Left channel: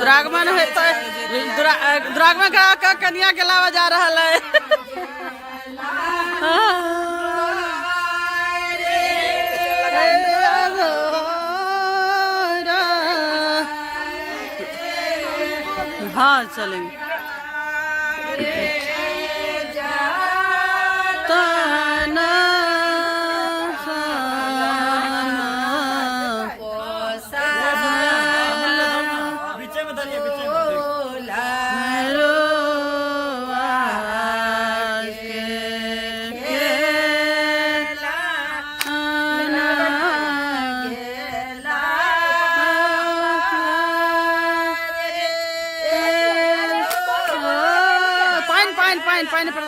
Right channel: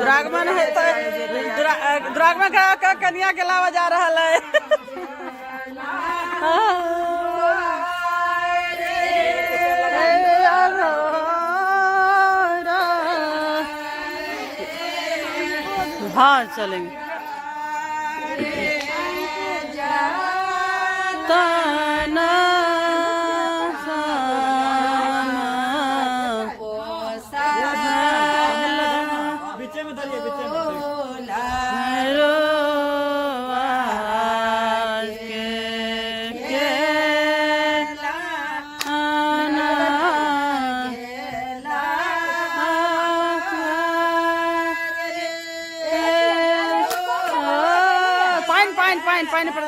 द्रागमन है तो द्रागमन का कन्या के लावा जा रहा है। हाँ चलेंगे। पानी पड़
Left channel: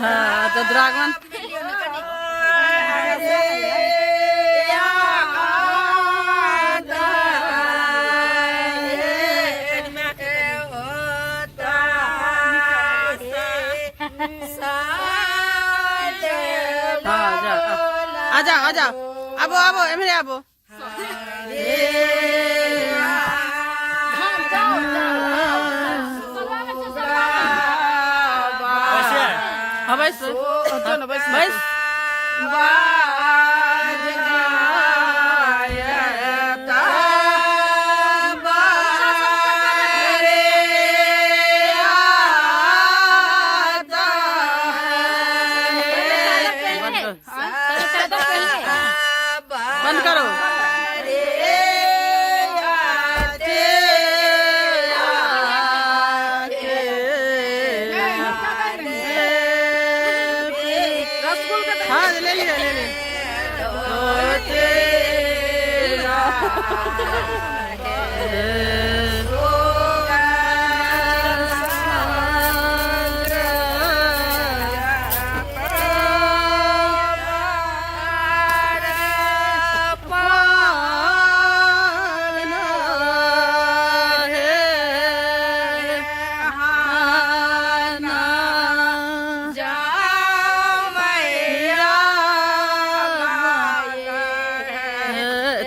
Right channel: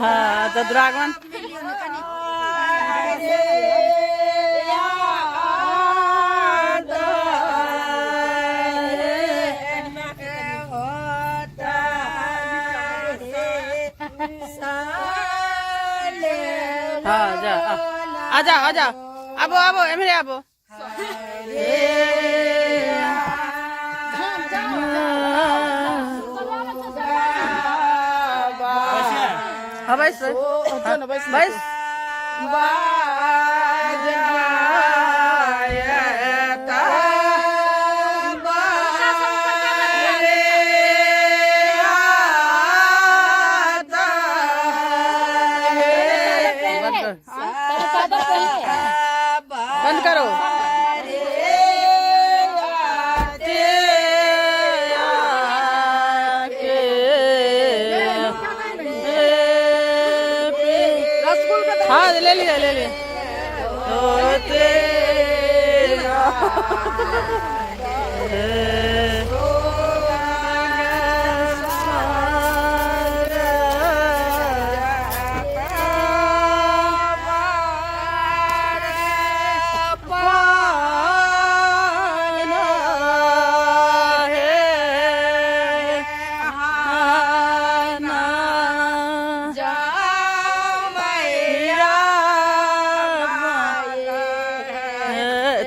हाँ तो द्रागमन हाँ जा आजा आजा आबो आबो एमरे आबो हाँ बस बस बंद करो। हाँ ले लिया ले लिया।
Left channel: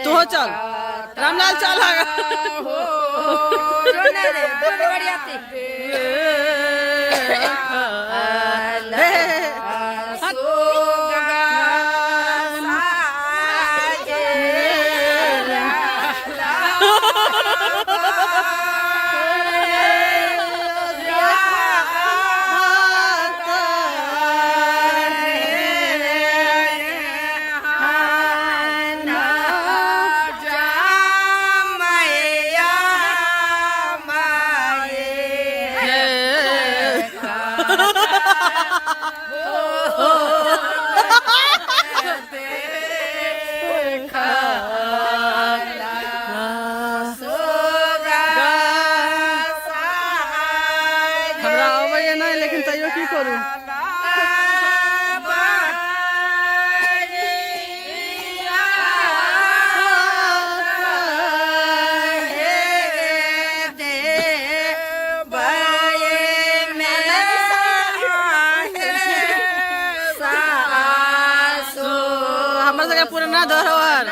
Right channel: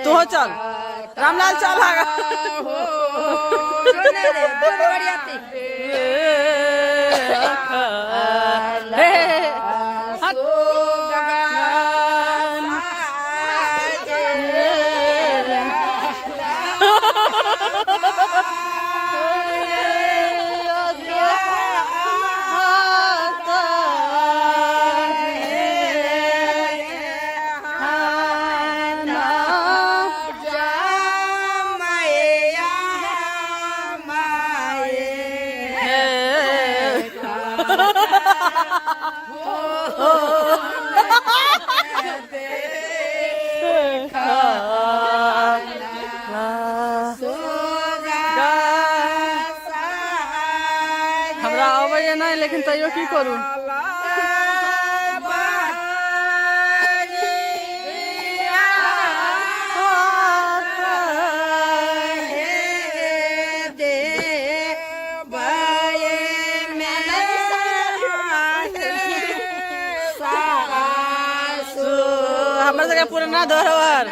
तू हो चल रामलाल चल हमरा आवे नहीं लेकिन तैयो की करूं। हमारे जगह पूरा ना धरोहर